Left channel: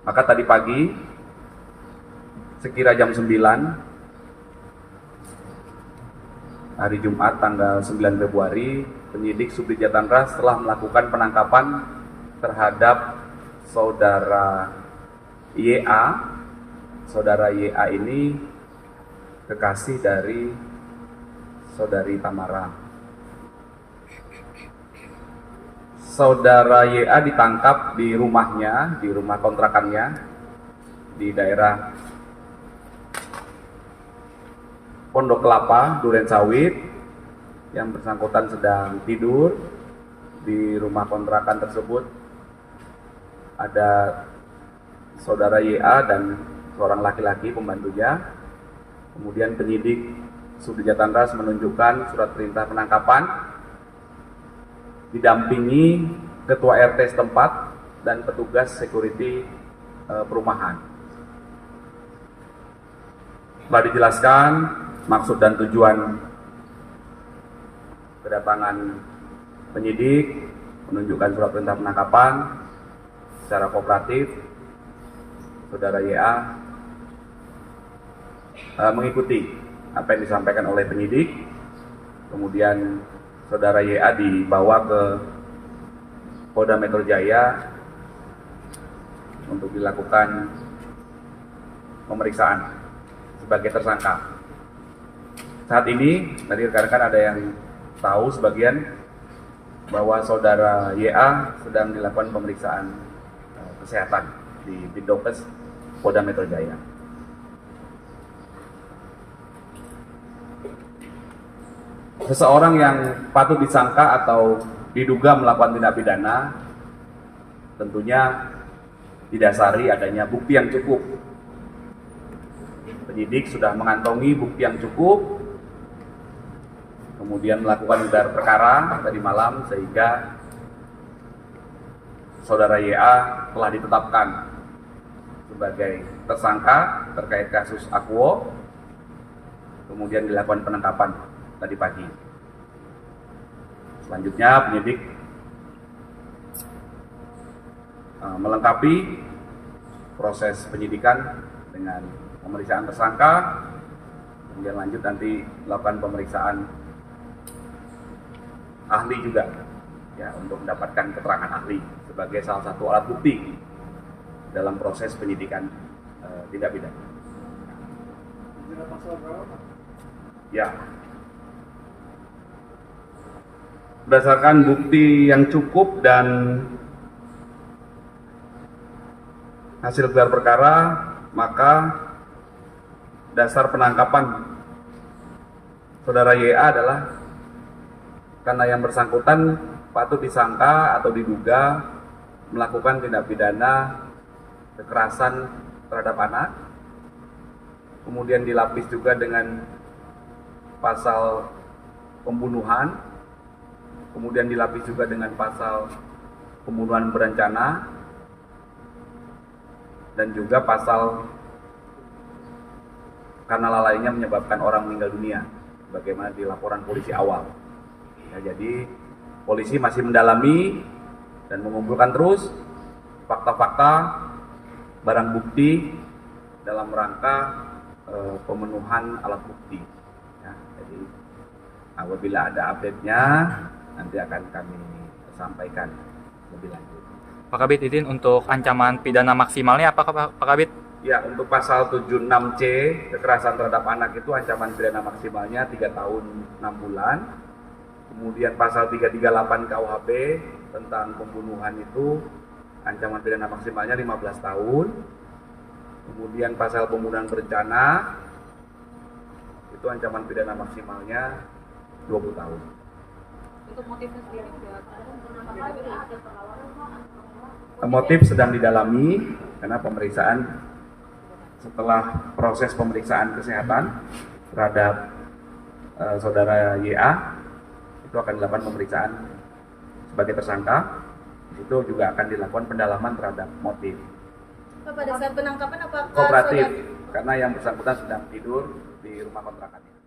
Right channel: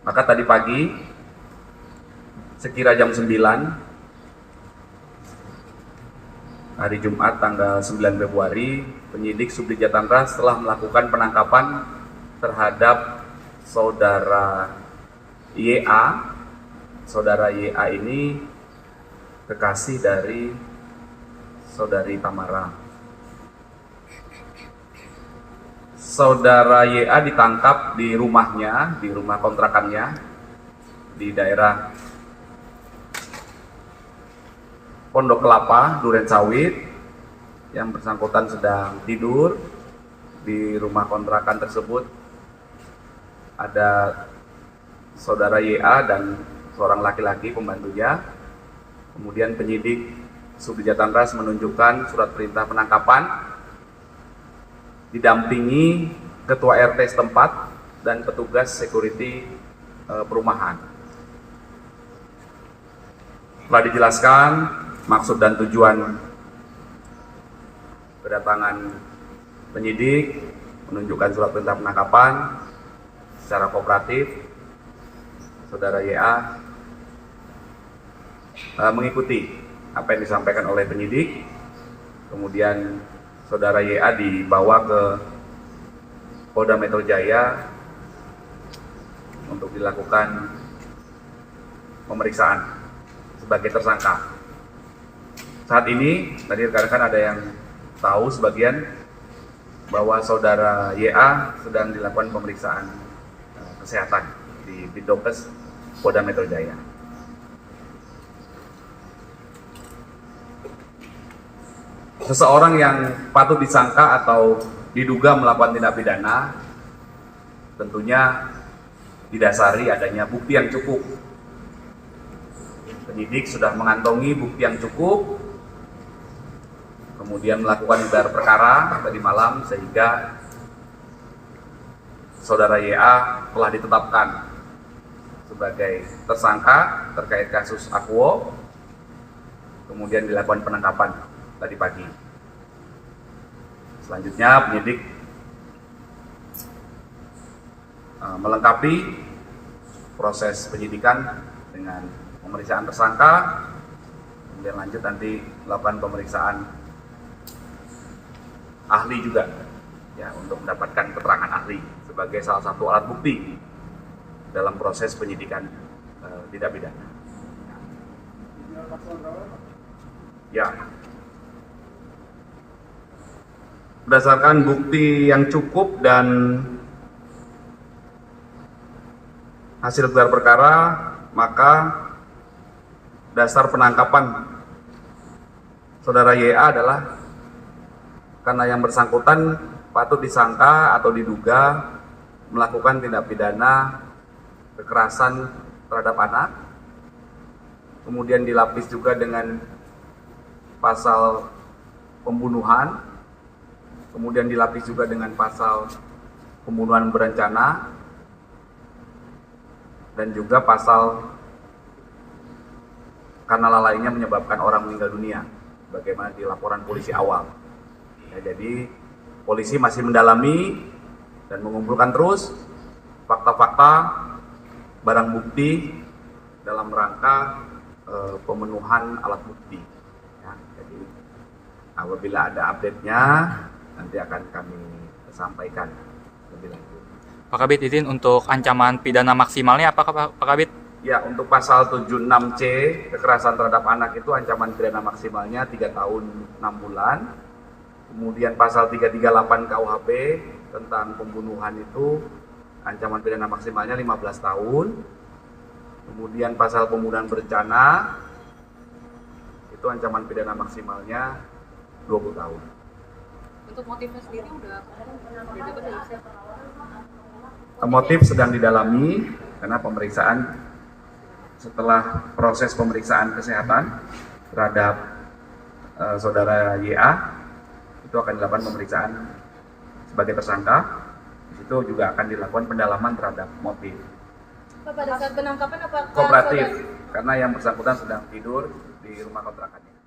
Maka tadi pagi sekira jam 9 hari Jumat tanggal 9 Februari, penyidik Subdit Jatanras telah melakukan penangkapan terhadap saudara YA. Saudara YA ini kekasih dari saudari Tamara. Saudara YA ditangkap di rumahnya, di rumah kontrakannya di daerah Pondok Kelapa, Duren Sawit. Yang bersangkutan sedang tidur di rumah kontrakan tersebut. Ada saudara YA dan seorang laki-laki pembantunya. Kemudian penyidik Subdit Jatanras menunjukkan surat perintah penangkapan didampingi ketua RT setempat dan petugas security perumahan. Telah dijelaskan maksud dan tujuan kedatangan penyidik, menunjukkan surat perintah penangkapan secara kooperatif. Saudara YA mengikuti apa yang disampaikan oleh penyidik. Kemudian saudara YA dibawa ke Polda Metro Jaya untuk dilakukan pemeriksaan sebagai tersangka. Saat ini, tadi rekan-rekan ada yang tahu sebagian bahwa saudara YA sedang dilakukan pemeriksaan kesehatan di Bidokes Polda Metro Jaya. Seseorang yang patut disangka atau diduga melakukan tindak pidana tentunya didasari adanya bukti yang cukup. Penyidik sudah mengantongi bukti yang cukup, kemudian melakukan gelar perkara tadi malam, sehingga saudara YA telah ditetapkan sebagai tersangka terkait kasus Aquo. Kemudian dilakukan penangkapan tadi pagi. Selanjutnya penyidik melengkapi proses penyidikan dengan pemeriksaan tersangka, kemudian lanjut nanti melakukan pemeriksaan ahli juga ya, untuk mendapatkan keterangan ahli sebagai salah satu alat bukti dalam proses penyidikan tindak pidana. Ya, berdasarkan bukti yang cukup dan hasil gelar perkara, maka dasar penangkapan saudara YA adalah karena yang bersangkutan patut disangka atau diduga melakukan tindak pidana kekerasan terhadap anak, kemudian dilapis juga dengan pasal pembunuhan, kemudian dilapis juga dengan pasal pembunuhan berencana, dan juga pasal karena lalainya menyebabkan orang meninggal dunia, bagaimana di laporan polisi awal. Ya, jadi polisi masih mendalami dan mengumpulkan terus fakta-fakta, barang bukti dalam rangka pemenuhan alat bukti. Ya, jadi apabila ada update-nya nanti akan kami sampaikan lebih lanjut. Pak Kabit, izin untuk ancaman pidana maksimalnya apa Pak Kabit? Ya, untuk pasal 76C kekerasan terhadap anak itu ancaman pidana maksimalnya 3 tahun 6 bulan. Kemudian pasal 338 KUHP tentang pembunuhan itu ancaman pidana maksimalnya 15 tahun. Kemudian pasal pembunuhan berencana itu ancaman pidana maksimalnya 20 tahun. Untuk motifnya sendiri udah dapat belum sih? Motif sedang didalami karena pemeriksaan, setelah proses pemeriksaan kesehatan terhadap saudara YA itu akan dilakukan pemeriksaan sebagai tersangka. Itu juga akan dilakukan pendalaman terhadap motif. Pada saat penangkapan apakah Kooperatif karena yang bersangkutan sedang tidur di rumah kontrakannya.